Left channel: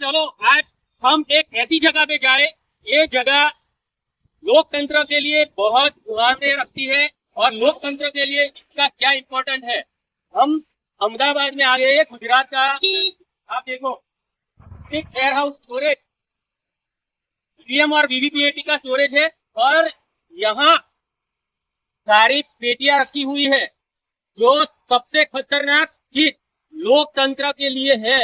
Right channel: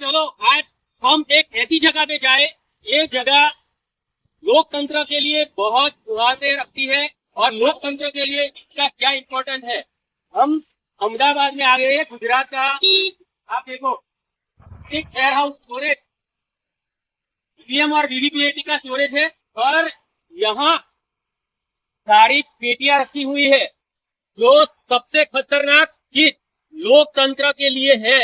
चलो आज हम एक ऐसी जगह पे जाए, ये जगह लोकतंत्र के लिए बहुत मायने रखती है और लोकतंत्र के लिए इसका क्या इम्पोर्टेंट है। हम अहमदाबाद में आ गए हैं, गुजरात का। आप देखो, एक वेयर हाउस स्टोरेज ईवीएम और वीवीपीएटी का स्टोरेज है और यहाँ सारी पेटियां रखी हुई है जो सबसे खतरनाक चीज लोकतंत्र के लिए है।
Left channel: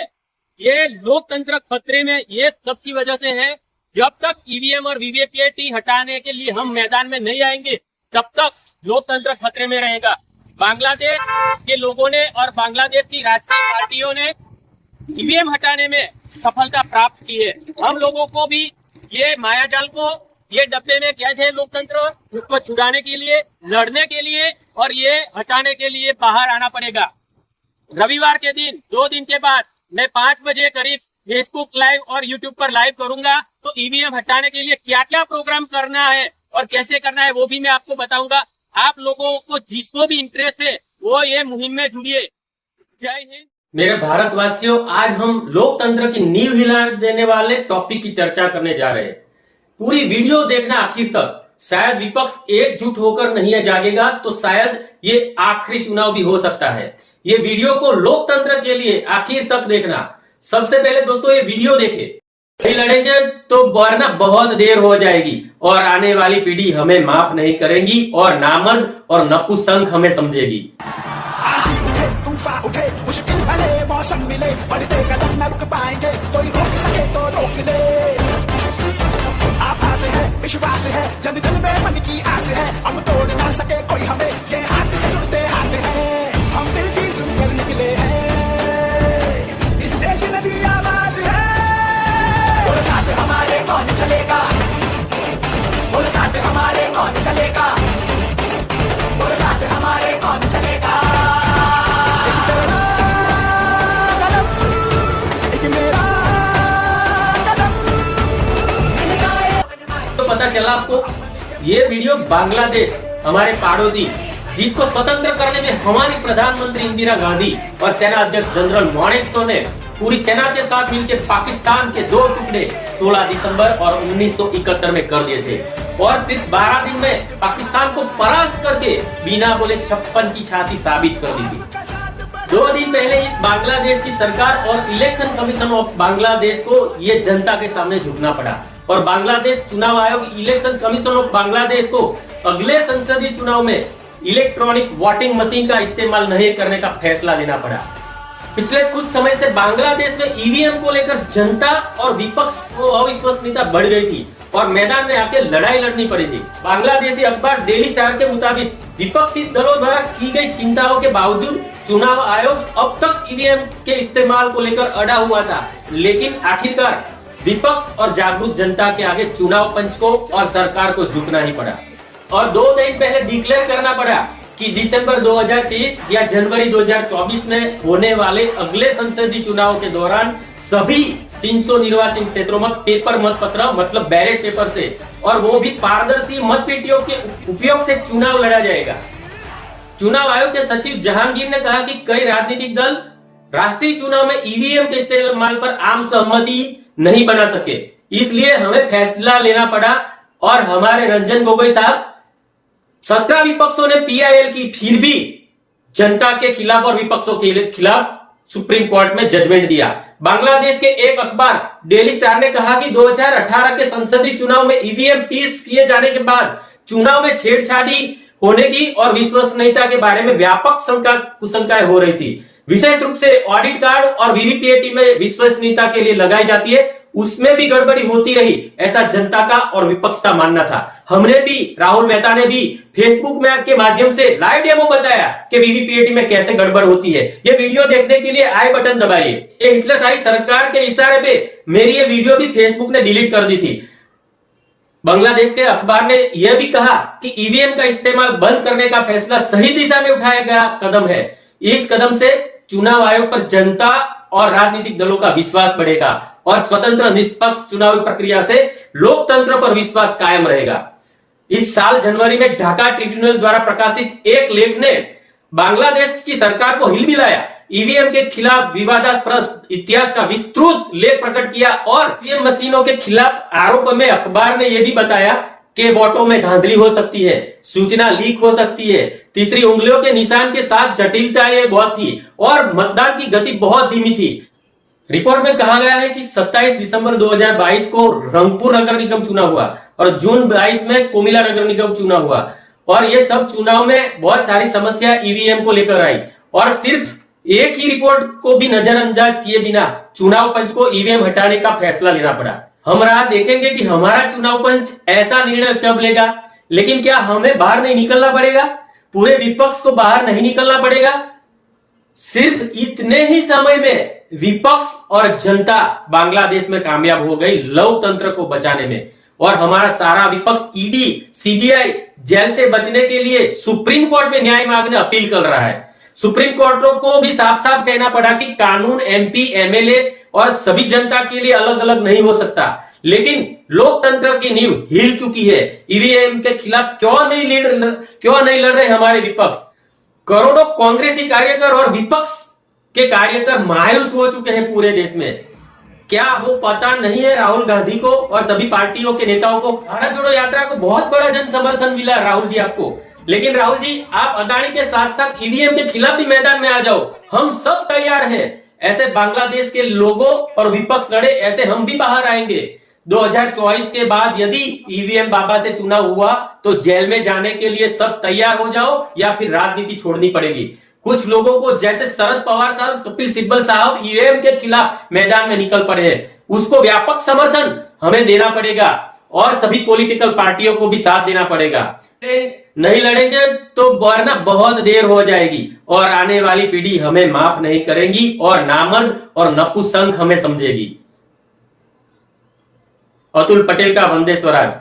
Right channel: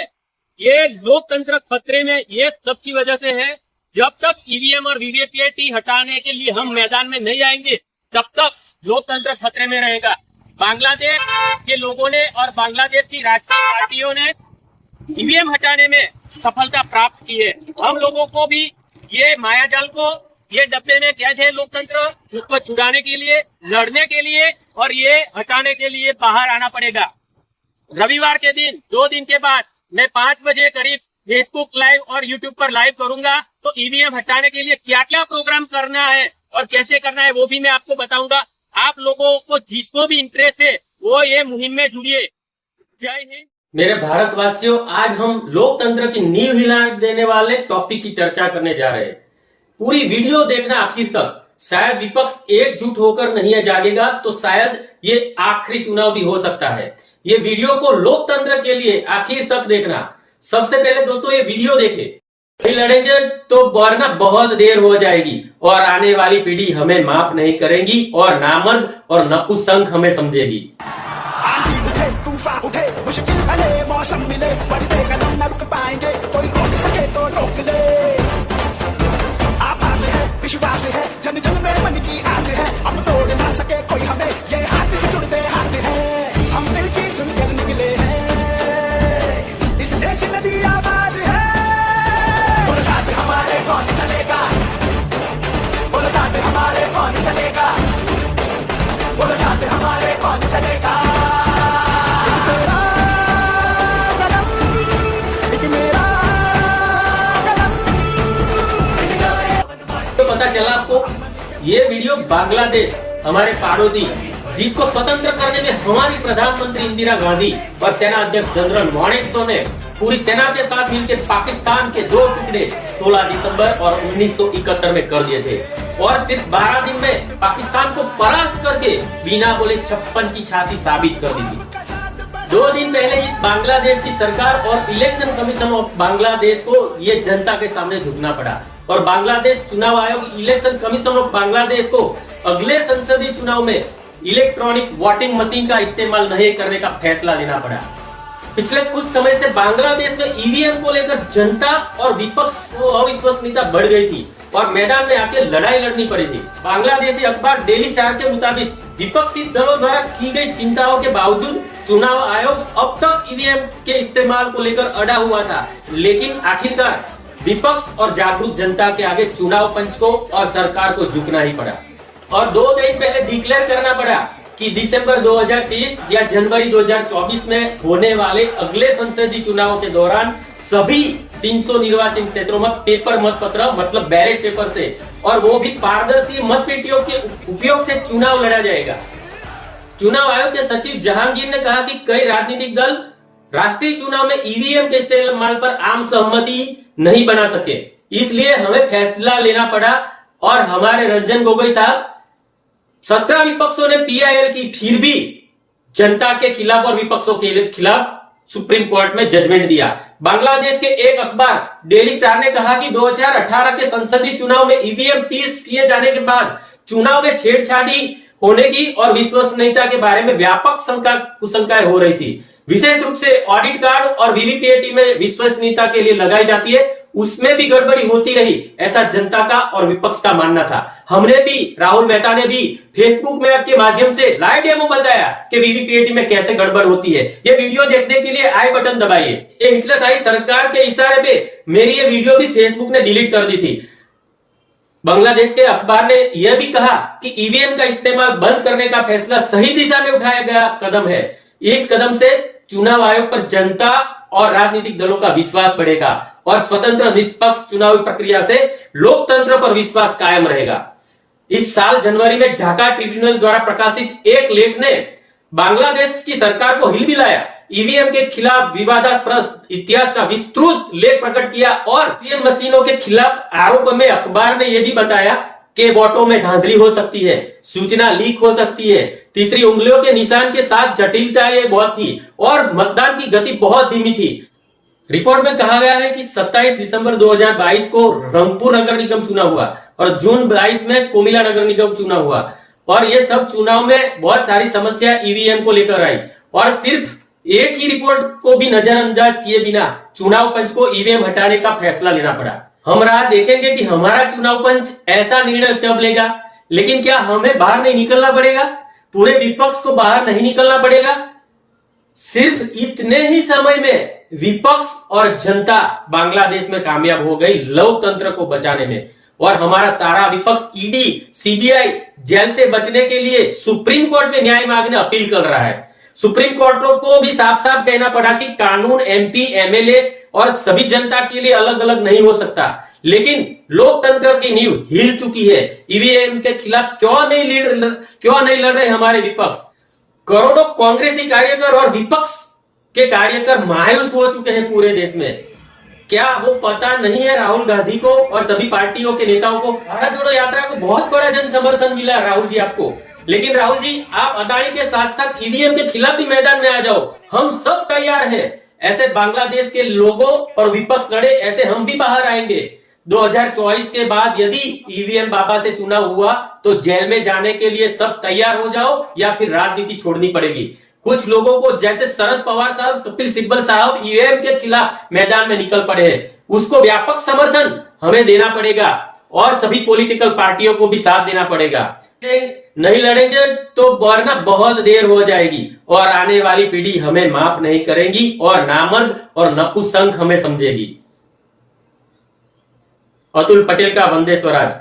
ये लोकतंत्र खतरे में ये सब की वजह से है। जब तक ईवीएम और वीवीपीएटी हटाने के लिए हम मैदान में नहीं आएंगे तब तक लोकतंत्र खतरे में रहेगा। बांग्लादेश के लोगों ने और बांग्लादेश की राजकीय पार्टियों ने ईवीएम हटाने में सफलता प्राप्त की है। हम लोगों को भी ये मायाजाल को, ये डब्बे में कैद है लोकतंत्र, उसको छुड़ाने के लिए, लड़ने के लिए और ये हटाने के लिए बाहर आना पड़ेगा। रविवार के दिन 2 दिन के बाद मैं 5 बजे करीब फेसबुक लाइव और यूट्यूब पर लाइव करूंगा। तो ईवीएम हटाने के लिए क्या क्या प्रोग्राम करना है और कैसे करना है वो भी मैं आपको बताऊंगा। आप लोगों को जिसको भी इंटरेस्ट है वो ये मुहिम में जुड़िए। जय हिंद। मेरे भारतवासियों, आज हम लोकतंत्र की नींव हिला देने वाले टॉपिक की चर्चा करने जा रहे हैं। पूरी वीडियो देखना आखिर तक। शायद विपक्ष एकजुट होकर नहीं जागेगा तो शायद ये आखिरी चुनाव भी हो सकता है। ये वीडियो को लोकतंत्र के लिए आखिर तक देखना। सबसे पहले दोस्तों ये वीडियो देखे, नहीं लड़ेंगे तो वरना बहुत देर हो जाएगी और आने वाली पीढ़ी हमें माफ नहीं करेगी और नामर्द और नपुंसक हमें समझेगी। उठे मुश्किल भले मौसम मिले, बढ़ते कदम न रुक पाएंगे, कोई रोक सके तो रोक ले। आभास है, विश्वास है, जन जन में मन की आस है, अब तोड़ ना सके कोई हमें, ये हाथ से जुड़ते हाथ हैं, हम दिल की सुनकर निकले हैं, इस देश की नदी आवाज है। बोले साथ हमारे कौन चलेगा, बोले साथ हमारे कौन चलेगा, बोले साथ हमारे कौन चलेगा। तो पता चला आपको, ये वीडियो बांग्लादेश, हमारे पड़ोसी, जिसको स्वतंत्र करने में हमारी प्रधानमंत्री इंदिरा गांधी और सेना अध्यक्ष जनरल मोनेस्को ने पूरी सेना के साथ मिलकर पाकिस्तान के 2 टुकड़े 16 दिसंबर और 1971 में कर दिए थे और सिर्फ 12 दिन में पाकिस्तान को परास्त करके बिना बोले 56 की छाती साबित कर दी थी। 2 दिन पहले इस बांग्लादेश की सरकार और इलेक्शन कमीशन ऑफ बांग्लादेश को ये जनता के सामने झुकना पड़ा और बांग्लादेश चुनाव आयोग इलेक्शन कमीशन ऑफ बांग्लादेश को अगले संसदीय चुनाव में इलेक्ट्रॉनिक वोटिंग मशीन का इस्तेमाल नहीं करने का फैसला लेना पड़ा। पिछले कुछ समय से बांग्लादेश में ईवीएम को लेकर जनता और विपक्ष को अविश्वसनीयता बढ़ गई थी और मैदान में आके लड़ाई लड़नी पड़ी थी। बांग्लादेशी अखबार डेली स्टार के मुताबिक विपक्षी दलों द्वारा की गई चिंताओं के बावजूद चुनाव आयोग अब तक ईवीएम के इस्तेमाल को लेकर अड़ा हुआ था, लेकिन आखिरकार विपक्ष और जागरूक जनता के आगे चुनाव पंच को और सरकार को झुकना ही पड़ा और 2 दिन पहले डिक्लेयर करना पड़ा कि दिसंबर 2023 या जनवरी 2024 में होने वाले अगले संसदीय चुनाव के दौरान सभी 300 निर्वाचन क्षेत्रों में पेपर मतपत्र मतलब बैलेट पेपर से और वो भी पारदर्शी मतपेटियों के उपयोग से चुनाव लड़ा जाएगा। चुनाव आयोग के सचिव जहांगीर ने कहा कि कई राजनीतिक दल राष्ट्रीय चुनाव में ईवीएम के इस्तेमाल पर आम सहमति नहीं बना सके, इसलिए हमें फैसला लेना पड़ा और हमारे रंजन गोगोई साहब 17 विपक्षों ने पीआईएल की फिर भी जनता के खिलाफ और विपक्षों के खिलाफ सुप्रीम कोर्ट में जजमेंट दिया। बांग्लादेश के एक अखबार डेली स्टार ने कहा कि 2018 के संसदीय चुनाव में ईवीएम पीस किए जाने के बाद चुनाव में छेड़छाड़ी होने की और विश्वसनीयता के बारे में व्यापक कुशंकाएं हो रही थी। विशेष रूप से ऑडिट कार्ड और वीवीपीएटी में विश्वसनीयता के लिए लगाई जाती है, उसमें भी गड़बड़ी होती रही, ऐसा जनता का और विपक्ष का मानना था। हमने भी, राहुल मेहता ने भी फेसबुक में के माध्यम से लाइव डेमो बताया कि वीवीपीएटी में कैसे गड़बड़ होती है। ये वीडियो देखने के लिए आई बटन दबाइए। ये हिटलरशाही सरकार के इशारे पे मेरी ये वीडियो भी फेसबुक ने डिलीट कर दी थी। बांग्लादेश के अखबार ने यह भी कहा कि ईवीएम का इस्तेमाल बंद करने का फैसला सही दिशा में उठाया गया कदम है। इस कदम से चुनाव आयोग पर जनता और राजनीतिक दलों का विश्वास बढ़ेगा और स्वतंत्र निष्पक्ष चुनावी प्रक्रिया से लोकतंत्र पर विश्वास कायम रहेगा। इस साल जनवरी में ढाका ट्रिब्यूनल द्वारा प्रकाशित एक लेख ने बांग्लादेश की सरकार को हिलमिलाया। ईवीएम के खिलाफ विवादास्पद इतिहास का विस्तृत लेख प्रकट किया और ईवीएम मशीनों के खिलाफ आरोप में अखबार ने यह भी बताया कि वोटों में धांधली हो सकती है, सूचना लीक हो सकती है, तीसरी उंगलियों के निशान के साथ जटिलता ये बहुत थी और मतदान की गति बहुत धीमी थी। रिपोर्ट में कहा गया है कि 27 दिसंबर 2022 को रंगपुर नगर निगम चुनाव हुआ और जून 22 में कोमिला नगर निगम चुनाव हुआ और ये सब चुनाव में बहुत सारी समस्या ईवीएम को लेकर आई और सिर्फ एक ही रिपोर्ट को भी नजरअंदाज किए बिना चुनाव पंच को ईवीएम हटाने का फैसला लेना पड़ा। हम राह देखेंगे कि हमारा चुनाव पंच ऐसा निर्णय कब लेगा, लेकिन क्या हमें बाहर नहीं निकलना पड़ेगा? पूरे विपक्ष को बाहर नहीं निकलना पड़ेगा? सिर्फ इतने ही समय में विपक्ष और जनता बांग्लादेश में कामयाब हो गई लोकतंत्र को बचाने में और हमारा सारा विपक्ष ईडी, सीबीआई जेल से बचने के लिए सुप्रीम कोर्ट में न्याय मांगने अपील कर रहा है। सुप्रीम कोर्ट को भी साफ साफ कहना पड़ा कि कानून एमपी, एमएलए और सभी जनता के लिए अलग अलग नहीं हो सकता, लेकिन लोकतंत्र की नींव हिल चुकी है। ईवीएम के खिलाफ क्यों नहीं लड़ रहे हमारे विपक्ष? करोड़ों कांग्रेसी कार्यकर और विपक्ष के कार्यकर मायूस हो चुके हैं पूरे देश में। क्या वो पता नहीं है राहुल गांधी को और सभी पार्टियों के नेताओं को? भारत जोड़ो यात्रा को बहुत बड़ा जन समर्थन मिला राहुल जी आपको, लेकिन राहुल जी आप अदानी के साथ साथ ईवीएम के खिलाफ भी मैदान में आ जाओ, हम सब तैयार हैं। ऐसे बांग्लादेश के लोगों और विपक्ष लड़े, ऐसे हम भी बाहर आएंगे। 2024 के बाद यदि ईवीएम बाबा से चुनाव हुआ तो जेल में जाने के लिए सब तैयार हो जाओ या फिर राजनीति छोड़नी पड़ेगी। कुछ लोगों को जैसे शरद पवार साहब, कपिल सिब्बल साहब ईवीएम के खिलाफ मैदान में निकल पड़े हैं, उसको व्यापक समर्थन हमें देना पड़ेगा और सभी पॉलिटिकल पार्टियों को भी साथ देना पड़ेगा। नहीं लड़ेंगे तो वरना बहुत देर हो जाएगी और आने वाली पीढ़ी हमें माफ नहीं करेगी और नामर्द और नपुंसक हमें समझेगी। अतुल पटेल का वंदे स्वराज।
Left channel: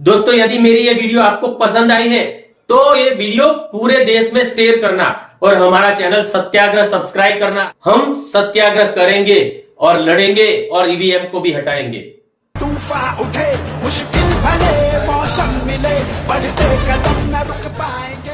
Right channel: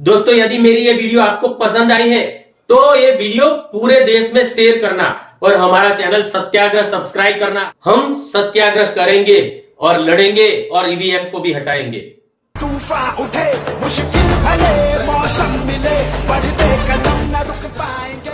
दोस्तों, यदि मेरी ये वीडियो आपको पसंद आई है तो ये वीडियो पूरे देश में शेयर करना और हमारा चैनल सत्याग्रह सब्सक्राइब करना। हम सत्याग्रह करेंगे और लड़ेंगे और ईवीएम को भी हटाएंगे। तूफान उठे, मुश्किल भले मौसम मिले, बढ़ते कदम न रुक पाएंगे।